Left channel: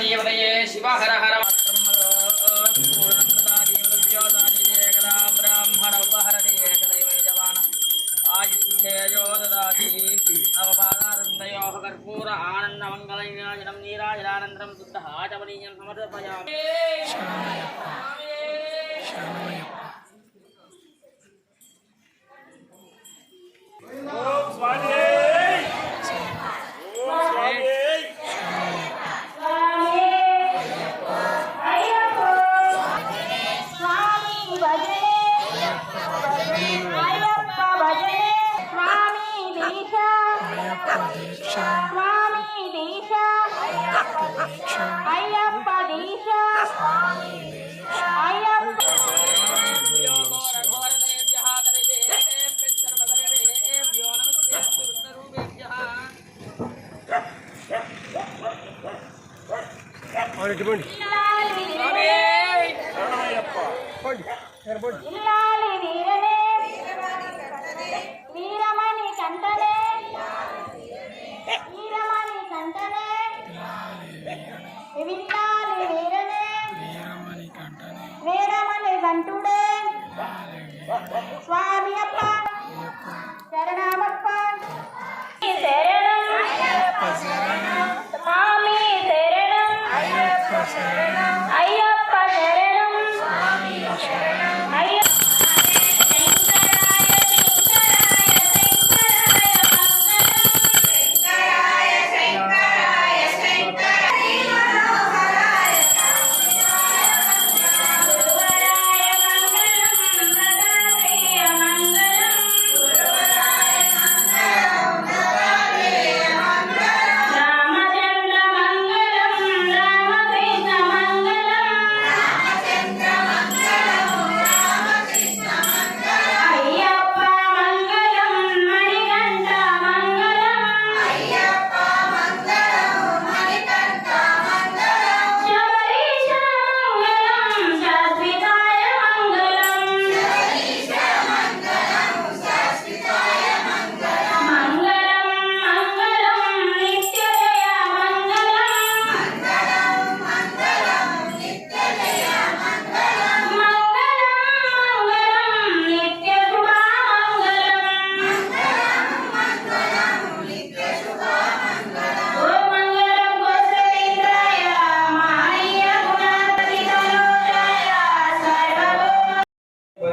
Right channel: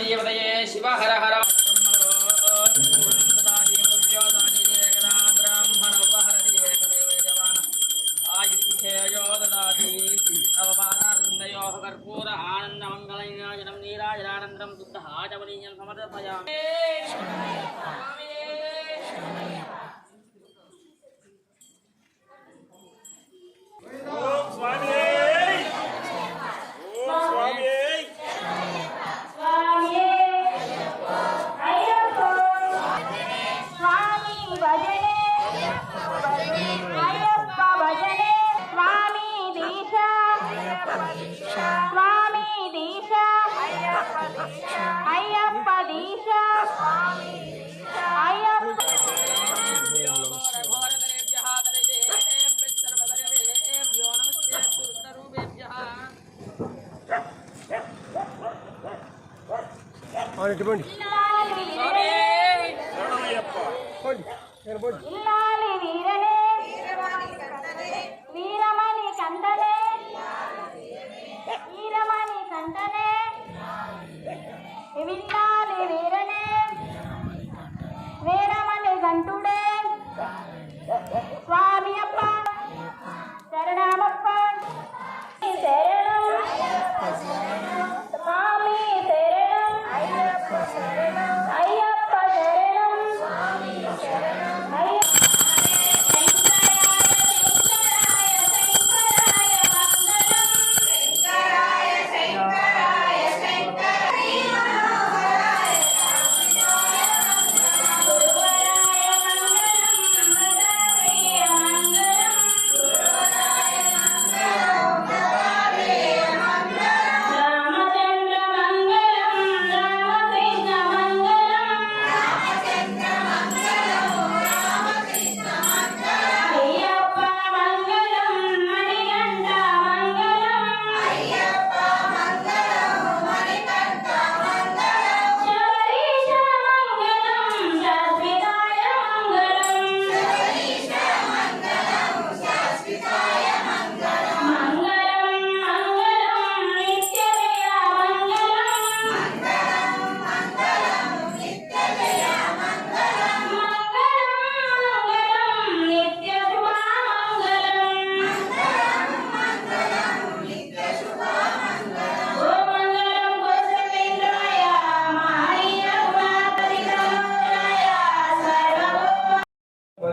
దేవతయే శివ హర హర బ్రాహ్మణ ఉపహరతి ఏకదైవ యజమాన ఆయుష్ేయో దాతి నవపాదారుందయో కర్పూర ఆనందమంగళం ఆచమనీయం సమర్పయామి சுவாமி தீஷா ஐயப்ப தீஷா ஐயப்ப இல்லா and to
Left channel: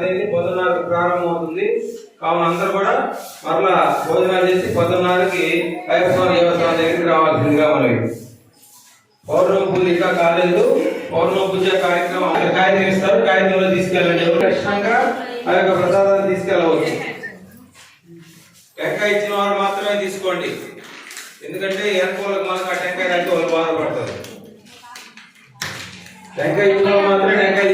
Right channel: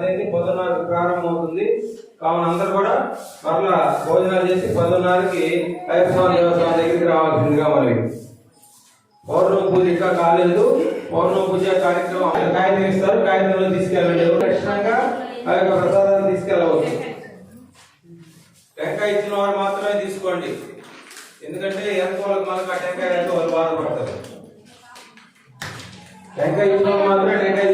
తేదీ పొద్దున్నరకు ప్రారంభమవుతుంది. కావున అందరూ కూడా మరలా భోజనాలు చేసి పొద్దున్నరకి అయ్యప్ప దేవస్థానం దగ్గరికి రావాల్సిందిగా మనవి. పౌర్ణమి పూజ ఇంకా కాలేదు. పౌర్ణమి పూజ కార్యక్రమం అక్కడ కాగితం ఇస్తారు కాగితంలో తీసుకెళ్ళండి. ఎవరు ఖచ్చితంగా ఆ యొక్క ప్రసాదాన్ని తీసుకెళ్ళవచ్చు. టెంకాయ ఇచ్చిన వారు మాత్రమే తీసుకోండి. ఎందుకంటే ఎనుకోలకు మనకు ఆ టెంకాయ అంటే వాళ్ళు బాధపడతారు. టెంకాయ ఇచ్చిన వాళ్ళు మాత్రమే టెంకాయ